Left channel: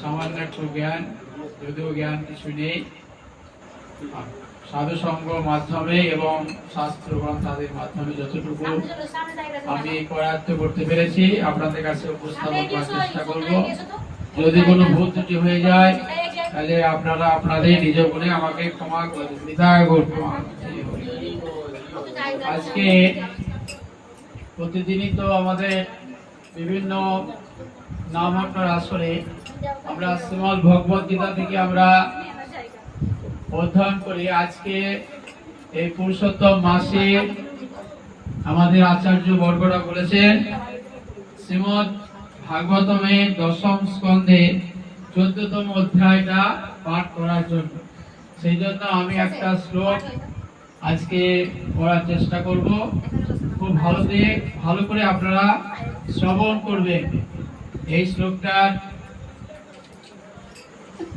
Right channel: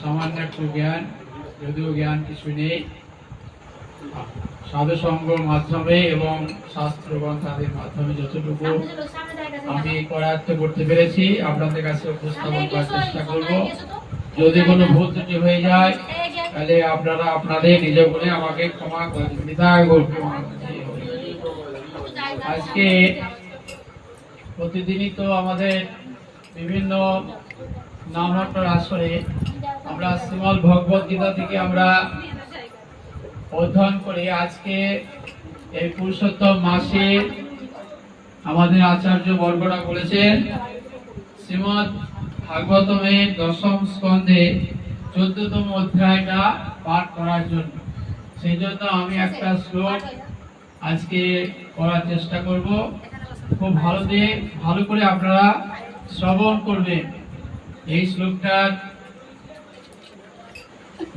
সামান্য একটু জ্ঞান, যদিও জ্ঞান কিছু নেই, সাধু সঙ্গের মাধ্যমে এবং শাস্ত্র গ্রন্থাদির মাধ্যমে যতটুকু আমি করায়ত্ত করতে পেরেছি আপনাদের কাছে উপস্থাপন করার চেষ্টা করব। যদি কোনো ভুল ত্রুটি হয়ে যায় তাহলে আপনারা আপনাদের নিজ গুণে আমাকে ক্ষমা করে দিন। আজকে প্রতিদিনই তো আমাদের বিভিন্ন নামহট্টার আসরে আমরা শ্রীমদ ভগবত গীতা থেকে আমরা অধ্যয়ন করি। আজকে এই পুরুষোত্তম মাসে আমাদের আচার্য বর্গরা বলেছেন শ্রীমদ ভাগবতমের দশম স্কন্ধে 14তম অধ্যায়টা পাঠ করার জন্য। সেই জন্য আমি একটা শ্লোক আজকে পড়ার চেষ্টা করব। খুব ভালো করে আপনারা শ্রবণ করবেন। এই শ্লোকটার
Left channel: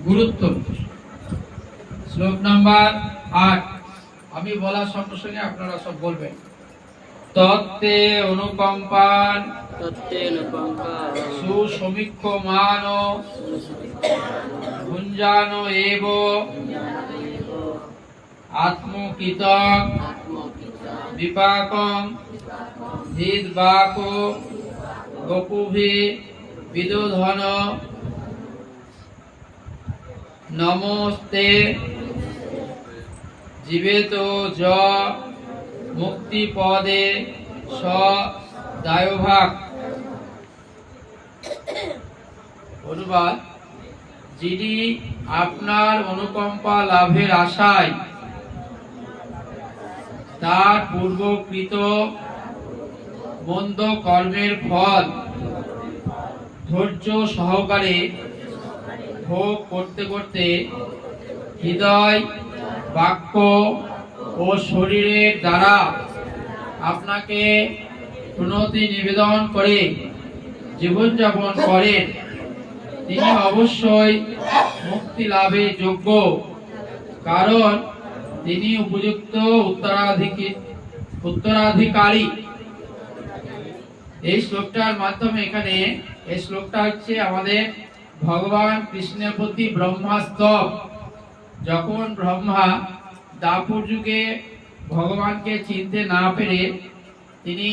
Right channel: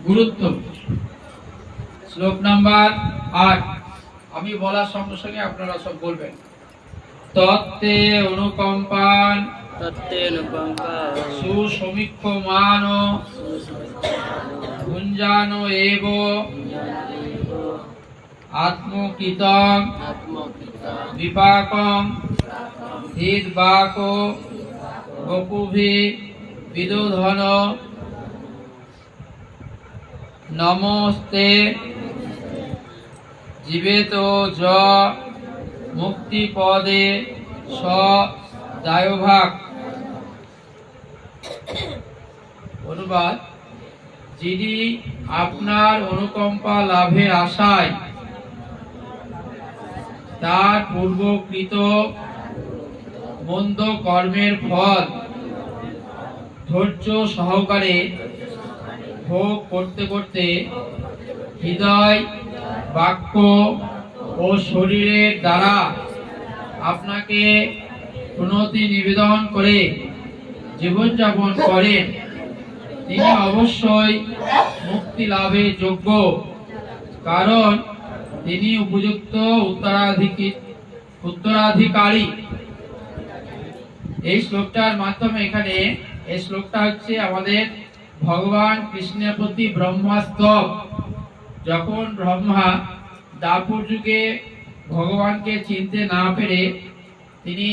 গুরুত্ব। শ্লোক নাম্বার 8, আমি বলার সঙ্গে সঙ্গে আপনারা সব বলবেন। তত্তে অনুকম্পান সুসমীক্ষমান ভুঞ্জান এব আত্মকৃতং বিপাকং হৃদবাক গপুভি বিদোধন নমস্তে জীবেত য মুক্তিপদে স দায়ভাগ। অনুবাদ: যিনি আপনার অনুকম্পা লাভের আশায় তার পূর্বকৃত মন্দ কর্মের ফল ধৈর্য সহকারে ভোগ করতে করতে হৃদয়, বাক্য ও শরীরের দ্বারা আপনাকে প্রণতি নিবেদন করে জীবনযাপন করেন, তিনি অবশ্যই মুক্তি লাভের যোগ্য, কারণ তিনি উপযুক্ত উত্তরাধিকারী। এই শ্লোকটার মাধ্যমে এখানে এই শ্লোকটা হচ্ছে আমাদের ভগবান কৃষ্ণের প্রতি ব্রহ্মাস্তব। যখন ব্রহ্মা দাপর যুগে ভগবানকে চিনতে না পেরে তিনি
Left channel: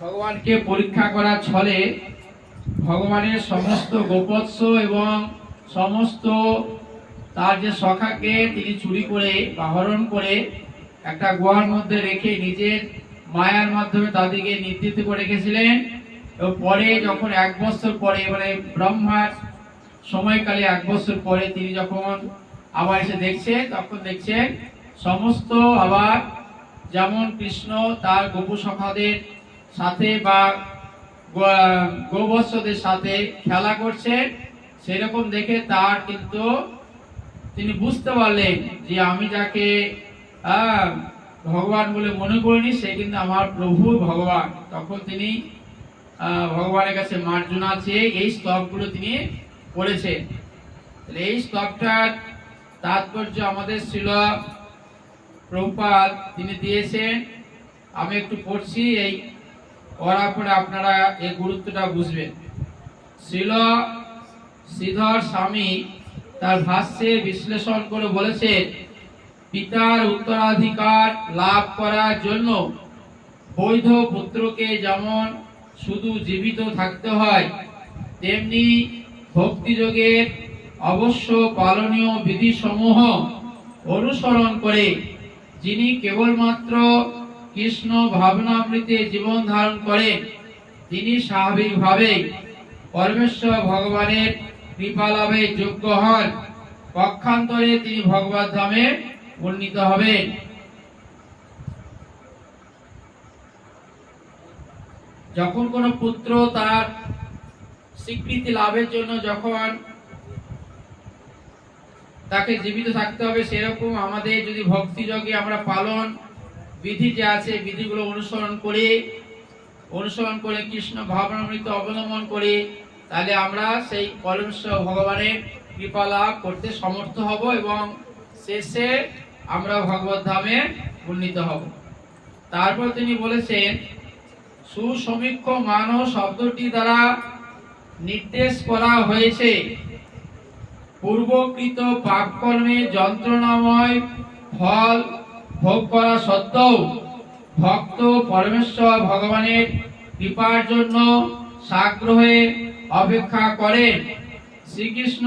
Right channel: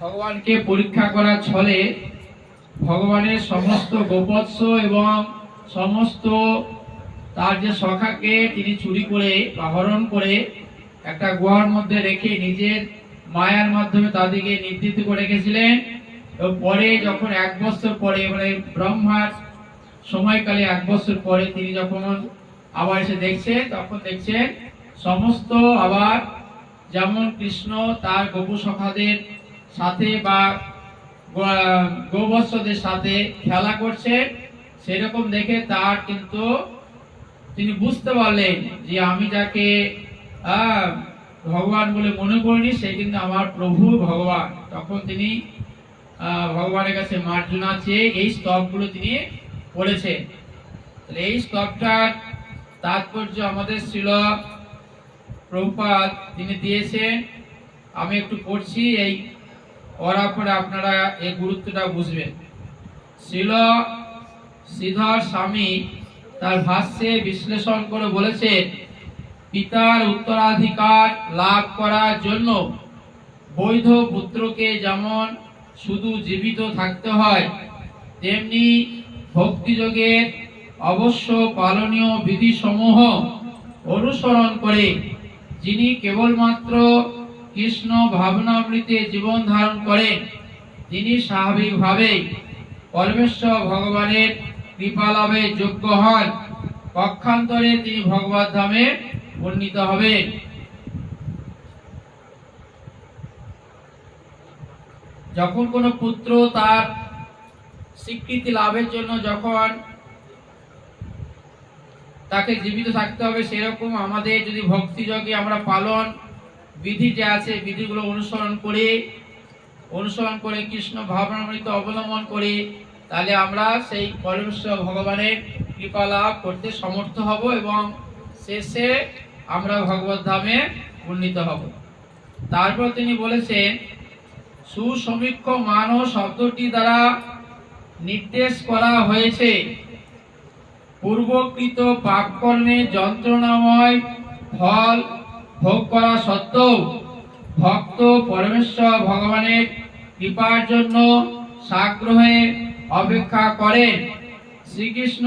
ভগবানকে পরীক্ষা করার ছলে ভগবানের সমস্ত গোপৎস এবং সমস্ত তার যে সখাকে তিনি চুরি করে বা হরণ করে একটা গুহার মধ্যে রেখে নিজের মায়ার মাধ্যমে তাদেরকে নির্দিষ্ট করে রেখেছিলেন। এবং পরে যখন 1 বছর পরে, মানে ব্রহ্মার সময়কালে 1 বছর পরে তিনি যখন আবার এসে দেখছেন, তখন দেখছেন সমস্ত আবার যেমন কৃষ্ণ তার গোপু সখাদের সাথে বা গোবৎসদের সাথে খেলা করছে, সেরকম দেখে তার কিন্তু তিনি বুঝতে পারলেন যে আমি যাকে ভগবান বলে মনে করিনি সে কিন্তু আমার প্রভু ভগবান। তখন তিনি ভগবানের কাছে মার্জনা চেয়ে এই স্তবগুলো তিনি পড়েছেন। তাহলে এই স্তবটার তাৎপর্য আমাদের শ্রীল প্রভুপাদ তিনি দিয়েছেন। আমি একটু পড়ছি, এই পড়ার পরে আপনারা এই গুরুত্বটা বুঝবেন। শ্রীল শ্রীধর স্বামী তার ভাষ্যে বিশ্লেষণ করে বলেছেন, পিতার উত্তরাধিকার লাভ করার জন্য বৈধ পুত্রকে যেমন শুধু জীবিত থাকতে হয়, তেমনি ভক্তিযোগের অবশ্য পালনীয় বিধিসমূহ অনুসরণ করে যিনি কেবলমাত্র কৃষ্ণ ভাবনামৃতে জীবন ধারণ করেন, তিনি স্বাভাবিকভাবেই পরমেশ্বর ভগবানের কৃপা লাভের যোগ্য হন। পক্ষান্তরে তিনি ভগবত ধামে উন্নীত হবেন। যখন কোনো পুত্র তার স্বীকৃতি লাভের জন্য যখন তাকে জীবিত থাকতে হবে, সেরকম আমাদের যদি ভক্তিযোগে আমরা পালন বিধি যে আছে বিধিগুলো অনুসরণ করে কৃষ্ণ ভাবনামৃত অবলম্বন করে, তাহলে আমরা সেই পরমেশ্বর ভগবানের কৃপা লাভ করতে সমর্থ হব এবং শেষে আমরা ভগবত ধামে উন্নীত হব। তারপর তিনি বলেছেন, সুসমীক্ষ মান শব্দটি দ্বারা নির্দেশ করা হয়েছে। পূর্বকৃত পাপকর্মে যন্ত্রণাময় ফল ভোগ করা সত্ত্বেও ভক্ত পরমেশ্বর ভগবানের কৃপার জন্য সাগ্রহে অপেক্ষা করেন। শ্রীকৃষ্ণ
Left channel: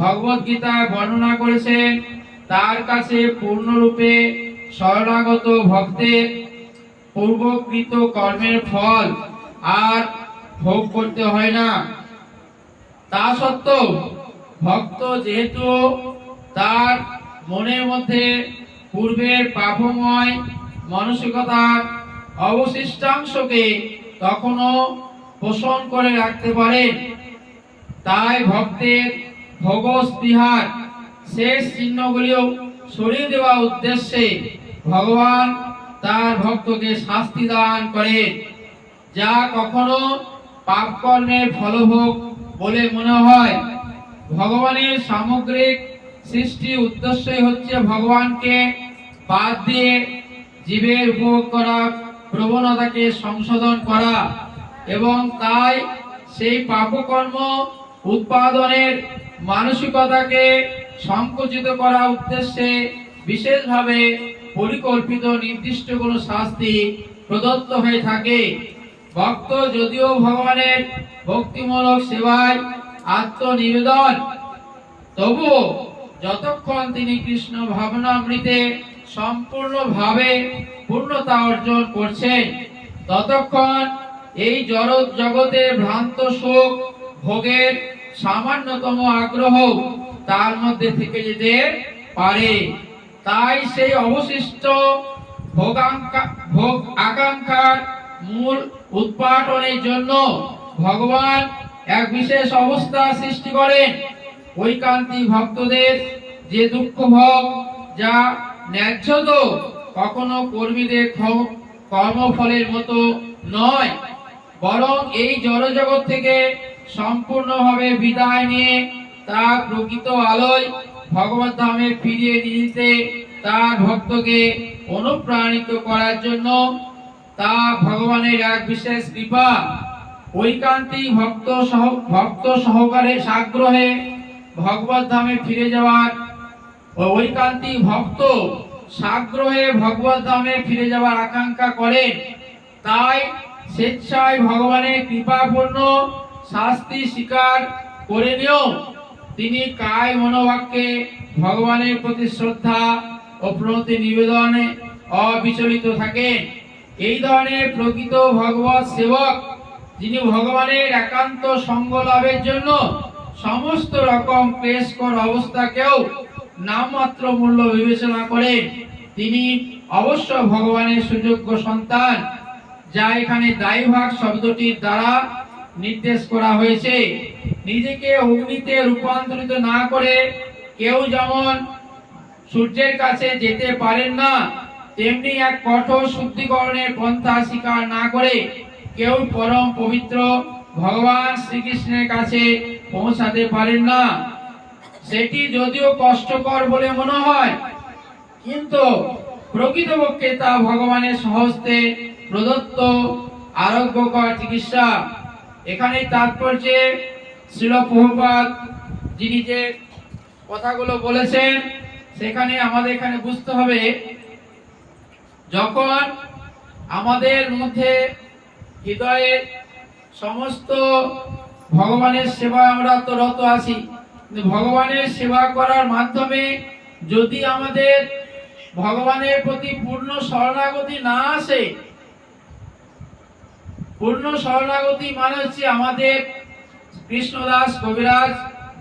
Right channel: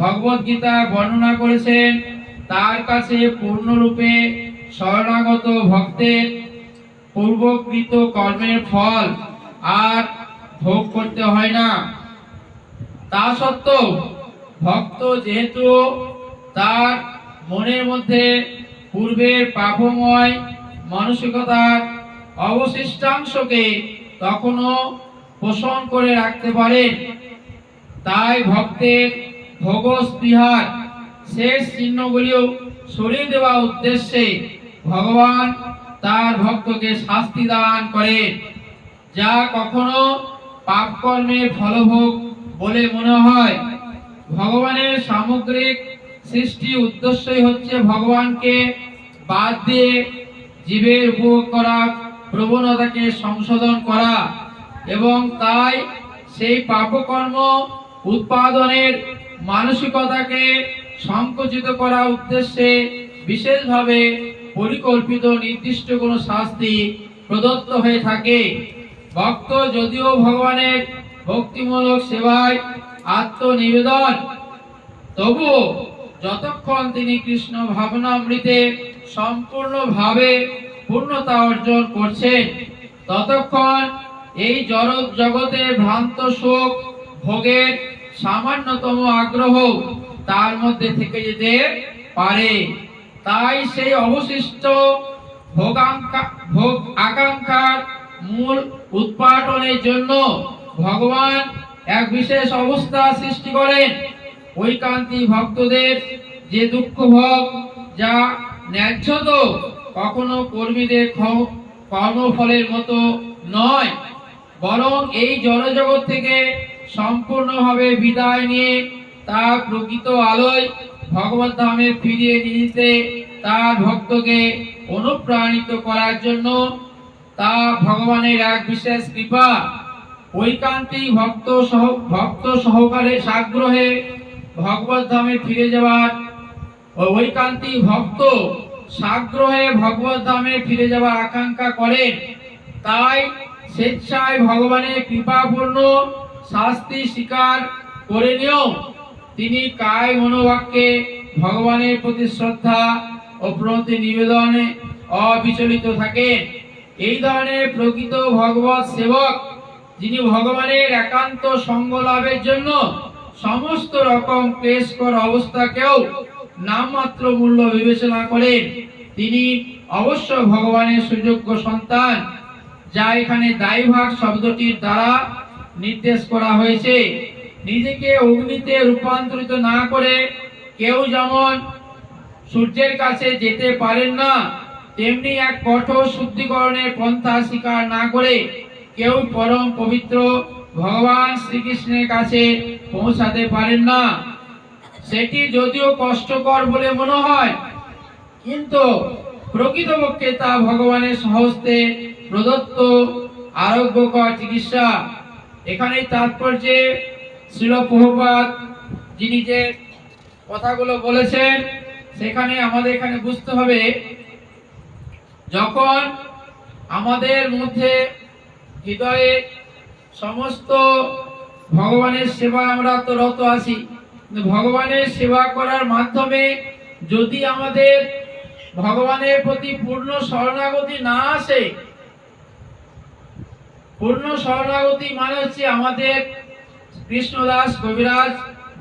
ভগবদ গীতায় বর্ণনা করেছেন, তার কাছে পূর্ণরূপে শরণাগত ভক্তের পূর্বকৃত কর্মের ফল আর ভোগ করতে হয় না। তা সত্ত্বেও ভক্ত যেহেতু তার মনের মধ্যে পূর্বের পাপময় মানসিকতার অবশিষ্টাংশকে তখনও পোষণ করে রাখতে পারেন, তাই ভক্তের ভোগস্পৃহার শেষ চিহ্নগুলিও সরিয়ে দেওয়ার উদ্দেশ্যে ভগবান তার ভক্তকে শাস্তি দান করেন, যা কখনো পাপকর্মের ফলভোগ বলে মনে হয়। ভগবানের সামগ্রিক সৃষ্টি উদ্দেশ্যই হচ্ছে ভগবানকে বাদ দিয়ে জীবের উপভোগ করা প্রবণতাকে সংশোধন করা, এবং তাই সেই পাপকর্ম উৎপাদনের মানসিকতাকে সংকুচিত করার উদ্দেশ্যে বিশেষভাবে পরিকল্পিত নির্দিষ্ট কোনো শাস্তি প্রদত্ত হয়ে থাকে। ভক্ত যদিও ভগবানের ভক্তিমূলক সেবায় আত্মনিবেদন, তবুও যতক্ষণ তিনি কৃষ্ণ ভাবনামৃতে সম্পূর্ণভাবে পূর্ণতা অর্জন করছেন, ততক্ষণ এই জড় জগতে ভ্রান্ত সুখ ভোগের সামান্যতম আগ্রহ তার মধ্যে থেকে যেতে পারে। তাই সেই অবশিষ্ট ভোগ আকাঙ্ক্ষার মূল উৎপাটনের জন্য ভগবান এক বিশেষ অবস্থা সৃষ্টি করেন। ঐকান্তিক ভক্তদের যে দুঃখ ভোগ, যা ন্যায্য তো কখনো কর্মীদের কর্মফলের মতো নয়, বরং এই জড়জগৎ থেকে সম্পূর্ণভাবে বিদায় নিয়ে তার প্রকৃত আলোয় ভগবত ধামে ফিরিয়ে দিতে তার ভক্তকে অনুপ্রাণিত করার জন্য তা ভগবানের এক বিশেষ কৃপা। ঐকান্তিক ভক্ত সহকারে সাগ্রহে ভগবত ধামে ফিরে যাওয়ার ঐকান্তিক ভক্ত সাগ্রহে ভগবত ধামে ফিরে যাওয়ার আকাঙ্ক্ষা করেন, তাই স্বেচ্ছায় ভগবানের কৃপাপূর্ণ শাস্তি স্বীকার করে নিয়েও তিনি কায় মনোবাক্যে ভগবানের প্রতি শ্রদ্ধা ও প্রতি নিবেদনে অবিচলিত থাকেন। এই ধরনের প্রকৃত ভগবত সেবক, যিনি ভগবানের একান্ত সঙ্গ লাভের জন্য সমস্ত রকম ক্লেশকর অবস্থাকেও নামমাত্র মূল্য বিবেচনা করেন, তিনি অবশ্য ভগবানের সুযোগ্য সন্তান, যা এখানে দায়ভাগ শব্দটির দ্বারা নির্দেশ করা হয়েছে। নিজেকে অগ্নিতে রূপান্তরিত না করে কেউ যেমন সূর্যের কাছে যেতে পারেন না, তেমনি এক কঠোর শুদ্ধিকরণের পন্থা স্বীকার না করে কেউ পরম পবিত্র ভগবান শ্রীকৃষ্ণের কাছে পৌঁছাতে পারেন না। সেটি যদিও কষ্টকর বলে মনে হয়, কিন্তু প্রকৃতপক্ষে তা ভগবানের সহস্তে প্রদত্ত আরোগ্যকর চিকিৎসা। এখানে তাৎপর্যে শ্রীল প্রভুপাদ যিনি যে কথাগুলো বলেছেন, সেখানে আমাদের এখানে বুঝতে হবে, যখন আমাদের মধ্যে হৃদয়ে সমস্ত ভগবানের সেবা আমরা তো রত আছি, ভগবানের সেবা করার মাধ্যমে যদি আমাদের ভগবানের প্রতি পূর্ণ শরণাগতি না আসে, পূর্ণ শরণাগতি মানে হচ্ছে আমাদের কৃষ্ণদাস কবিরাজ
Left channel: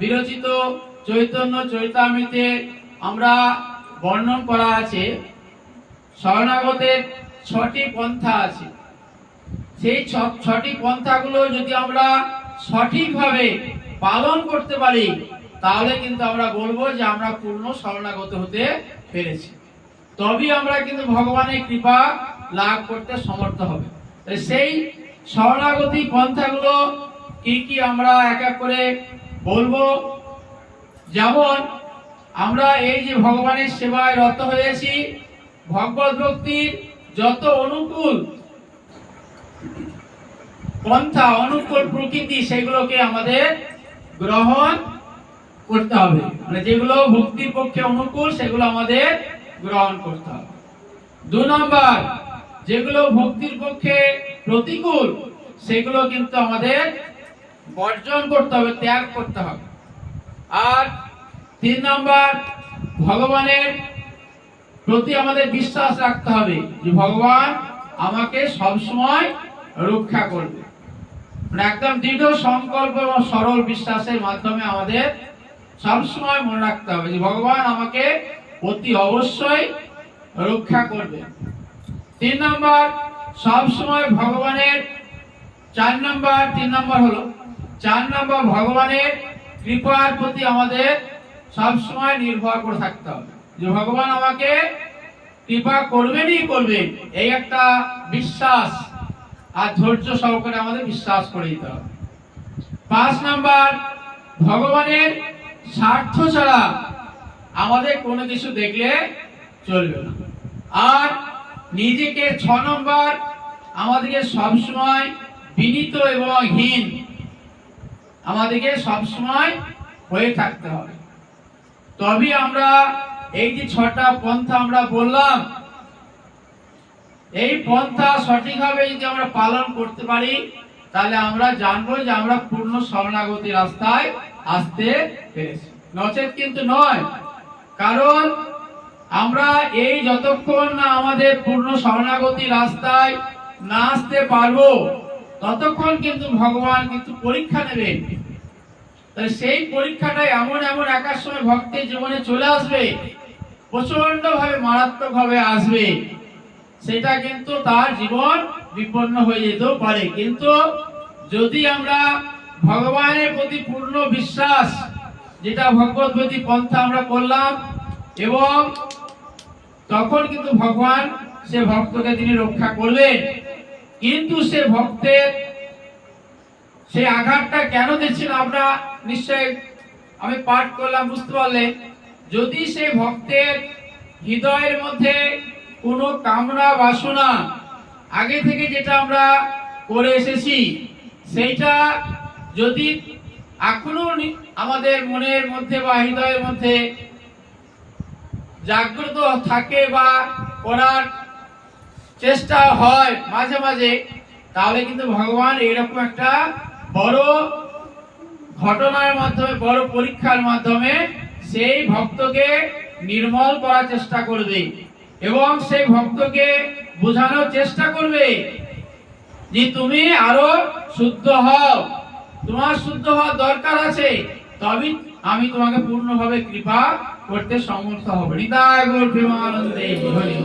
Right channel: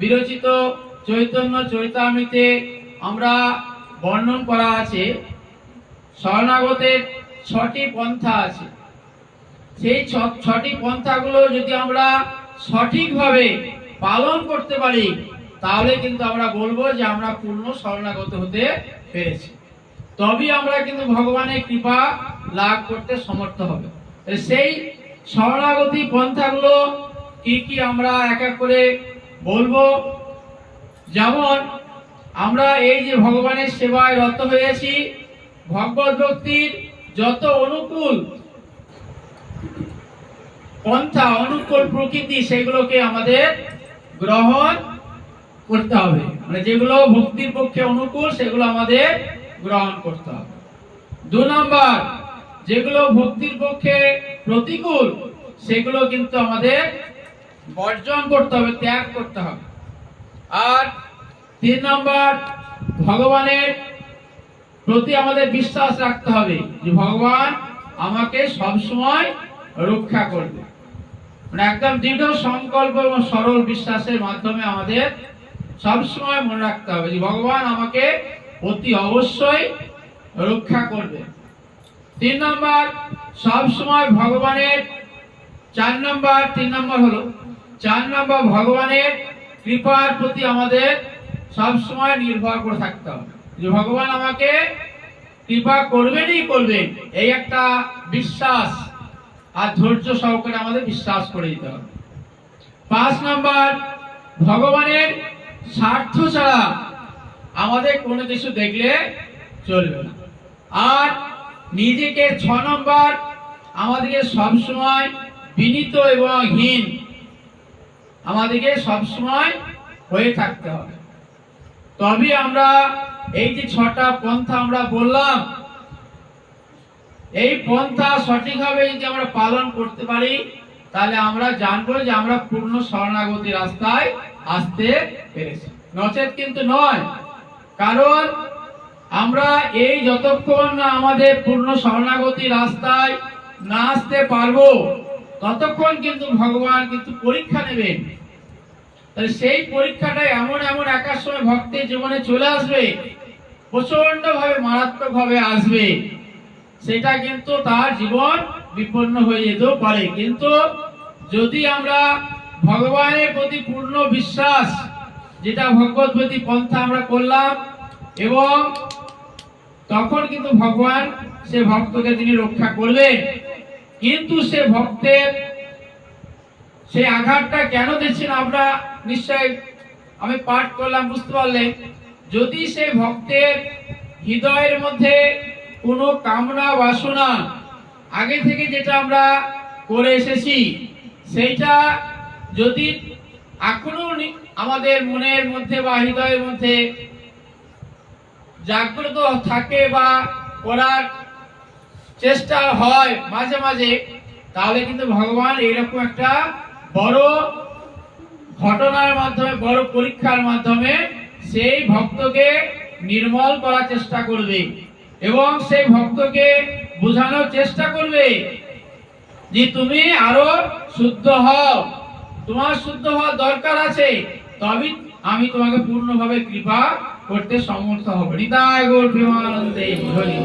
বিরচিত চৈতন্য চরিতামৃতে আমরা বর্ণন করা আছে, শরণাগতের 6টি পন্থা আছে। সেই 6টি পন্থাগুলো যদি আমরা সঠিকভাবে পালন করতে পারি, তাহলে কিন্তু আমরা বলবো যে আমরা পূর্ণ শরণাগত হতে পেরেছি, তবেই আমরা কিন্তু ভগবানের কৃপা লাভ করতে সমর্থ হবে। সেই শরণাগতি পন্থাগুলো কি কি আমরা এক এক করে বলবো। যেমন আমরা এই যে ভগবানের সেবায় রত হয়েছি, ভগবত ভক্তির যত অনুকূল পন্থা, অনুকূল প্রকৃতি, সেগুলোকে আমাদের গ্রহণ করতে হবে। মানে যেগুলো ভক্তির পক্ষে অনুকূল সেগুলো আমাদের গ্রহণ করতে হবে। 2 নম্বর, যেগুলো ভক্তির পক্ষে প্রতিকূল সেগুলো কিন্তু আমাদের বর্জন করতে হবে, ত্যাগ করতে হবে। আর 3 নম্বর, ভগবানের প্রতি আমাদের বিশ্বাস রাখতে হবে যে ভগবান আমাকে সবসময় রক্ষা করবে। মানে একদম দৃঢ় সংকল্প এবং সরল বিশ্বাসের মাধ্যমে আমাদের সবসময় মনে রাখতে হবে যে ভগবান আমাকে অতি অবশ্যই রক্ষা করবে। 3 নম্বর, সবসময় ভগবানের 4 নম্বর ভগবানের কৃপার প্রতি আমাদের সবসময় নির্ভর করে থাকতে হবে যে ভগবান আমাকে কৃপা করবেনই করবেন, এই একটা বিশ্বাস আর ধৈর্য সহকারে আমাদের বিশ্বাস করে দিতে হবে। 5 নম্বর, ভগবানের স্বার্থ ছাড়া আমাদের কোনো কিছু দেখলে চলবে না। আর নিজেকে 6 নম্বর, আমাদেরকে সবসময় বিনীত এবং হীন আমাদেরকে সবসময় হয়ে থাকতে হবে। তবে আমরা এই যে 6টা পন্থা আমরা বললাম, এই পন্থা সঠিকভাবে যদি আমরা পালন করতে পারি তাহলে আমরা জানবো যে আমরা পূর্ণ শরণাগতি রাস্তায় আসতে পেরেছি, নচেত কিন্তু নয়। কারণ আমরা এই যতক্ষণ না আমাদের পূর্ণ শরণাগতি রাস্তায় না আসতে পারবো ততক্ষণ কিন্তু ভগবান কিন্তু পরীক্ষা নেবেন। তাই সেই পরীক্ষাটা এমন একার সময় ভক্তের জীবনে চলে আসবে, প্রচন্ড ভাবে মারাত্মক ভাবে আসবে, সেটা কিন্তু তার জীবন বিপন্ন হয়ে যেতেও পারে। কিন্তু যদি আমরা ভগবানের প্রতি পূর্ণ বিশ্বাস, যেটা ভগবতী পন্থা আমরা করলাম, এবং তখন কিন্তু ভগবান সে ভক্তকে তিনি রক্ষা করবেন। কিন্তু সে ভক্তের সেই আঘাতটা কেন দিচ্ছেন আমরা নিশ্চয় আমি পাঠ করলাম, বুঝতে পারলেন। যদি সে ভক্তের হৃদয়ের মধ্যে কোনো কামনা বাসনা আগে থেকে যেটা আমরা করে এসেছি সেইটা যদি এখনো আমাদের মনের মধ্যে বা হৃদয়ের মধ্যে জাগ্রত থাকে বা করার চেষ্টা হয় মাঝে মাঝে, তাহলে কিন্তু ভগবান এরকম একটা বড় ঘটনার মাধ্যমে, বড় পরীক্ষার মাধ্যমে সেই ভক্তকে নির্মল করার চেষ্টা করবে এবং সেই ভক্তকে বোঝানোর চেষ্টা করবে যে তুমি আরো শুদ্ধ হও, তোমার শুদ্ধ হওয়ার দরকার আছে, তবে আমি তোমাকে পূর্ণভাবে কৃপা করতে সমর্থ হব। হৃদয় গৌর প্রেমানন্দে হরি।